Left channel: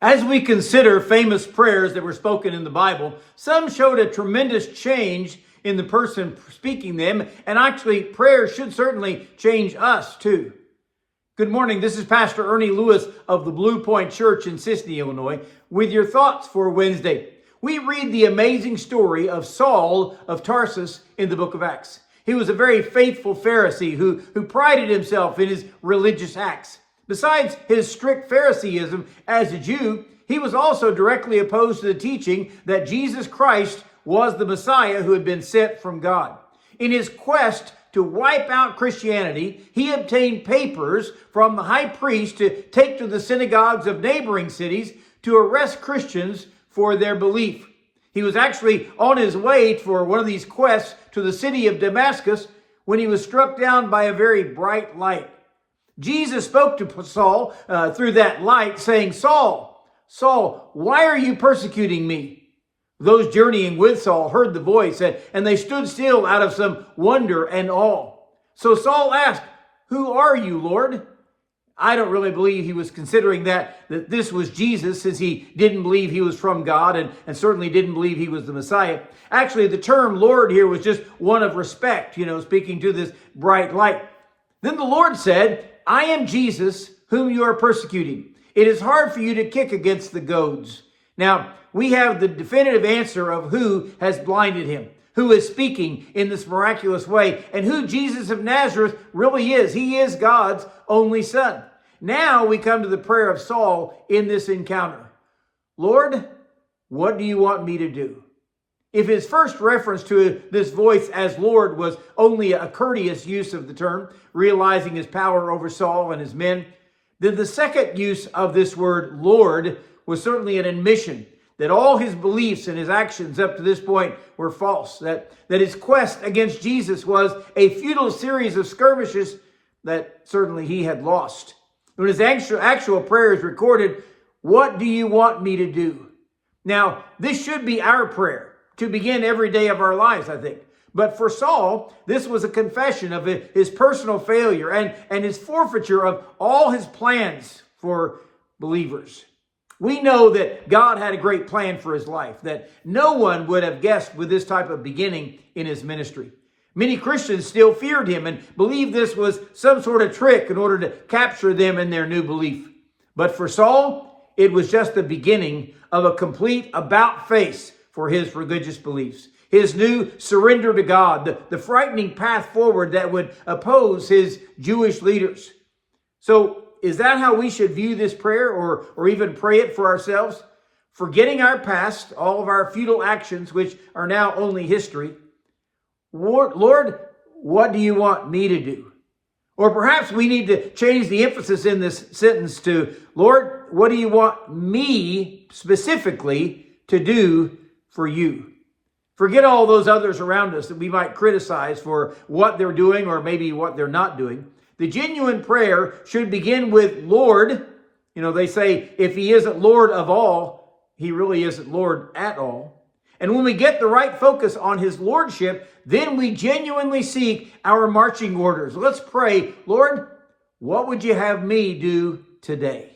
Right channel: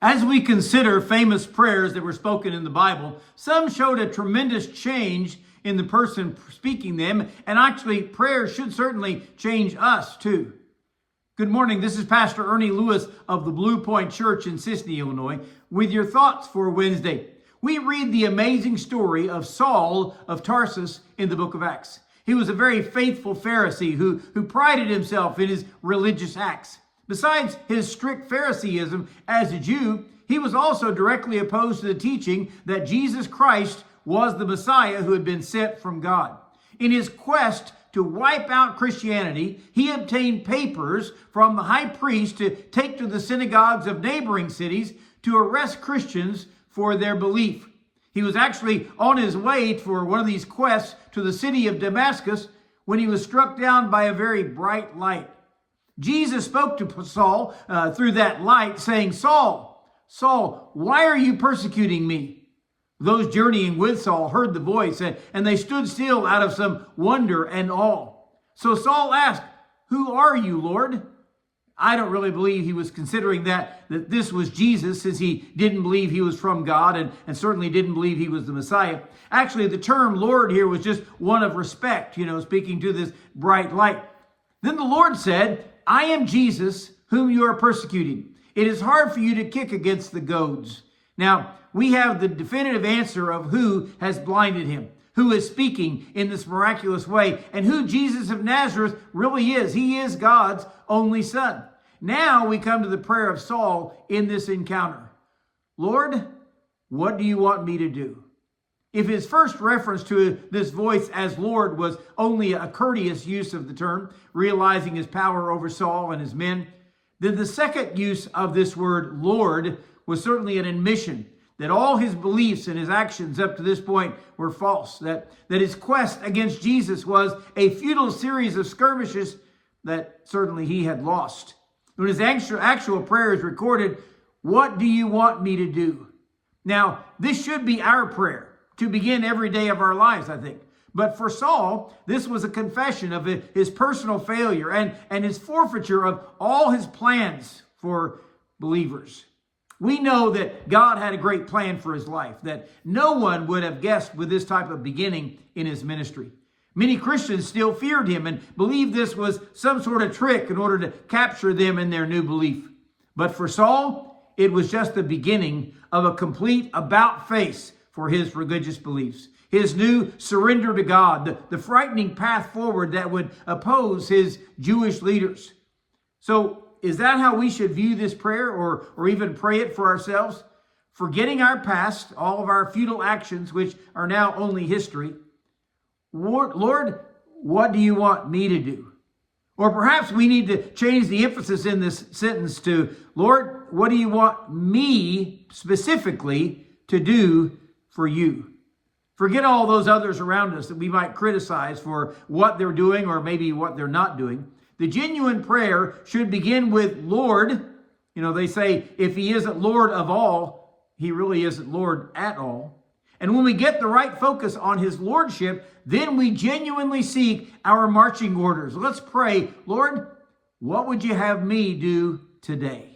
As we consider famous prayers that were spoken in the Bible, some showed a tremendous change in the person speaking them, and actually prayers should certainly change us too. Good morning, this is Pastor Ernie Lewis of the Blue Point Church in Sisney, Illinois, with your thoughts for Wednesday. We read the amazing story of Saul of Tarsus in the book of Acts. He was a very faithful Pharisee who prided himself in his religious acts. Besides his strict Phariseeism as a Jew, he was also directly opposed to the teaching that Jesus Christ was the Messiah who had been sent from God. In his quest to wipe out Christianity, he obtained papers from the high priest to take to the synagogues of neighboring cities to arrest Christians for their belief. He was actually on his way for one of these quests to the city of Damascus when he was struck down by a very bright light. Jesus spoke to Saul through that light, saying, Saul, Saul, why are you persecuting me? Those journeying with Saul heard the voice, and they stood still out of some wonder and awe. So Saul asked, who are you, Lord? I don't really believe he was considering that this was Jesus, since he didn't believe he was from God and certainly didn't believe he was the Messiah. Actually, the term Lord here was just one of respect, speaking to this bright light. Then the Lord said, I am Jesus, whom you are persecuting. It is hard for you to kick against the goads. Now, we have the definitive answer of who has blinded him, who is speaking in this miraculous way, and who Jesus of Nazareth really is. He is God's only Son. Now we come to the prayer of Saul in this encounter. Lord, what do you want me to do? If his first reference to this voice as Lord was only a courteous use of the term, realizing his power over Saul and his men, then the second use of this word Lord was certainly an admission that all his beliefs and his actions up to this point were false, that his quest against Jesus was a futile series of skirmishes that certainly he had lost. When his actual prayer is recorded, what do you want me to do? Now, this should be our prayer to begin every day of our lives, I think. But for Saul, this was a confession of his personal failure and his forfeiture of all his plans for believers. We know that God had a great plan for his life, that no one would have guessed with this type of beginning in his ministry. Many Christians still feared him and believed this was some sort of trick in order to capture them in their new belief. But for Saul, it was just the beginning of a complete about-face for his religious beliefs, his new surrender to God, the frightening path forward that would oppose his Jewish leaders. So is that how we should view this prayer or even pray it for ourselves? Forgetting our past, all of our futile actions, which are now only history. Lord, what do you want me to do? Or perhaps we need to change the emphasis in this sentence to, Lord, what do you want me specifically to do for you? Forget all those others around us that we might criticize for what they're doing or maybe what they're not doing. The genuine prayer should begin with Lord. They say if he isn't Lord of all, he really isn't Lord at all. And when we get the right focus on his lordship, then we genuinely seek our marching orders. Let's pray, Lord, what would you have me do today?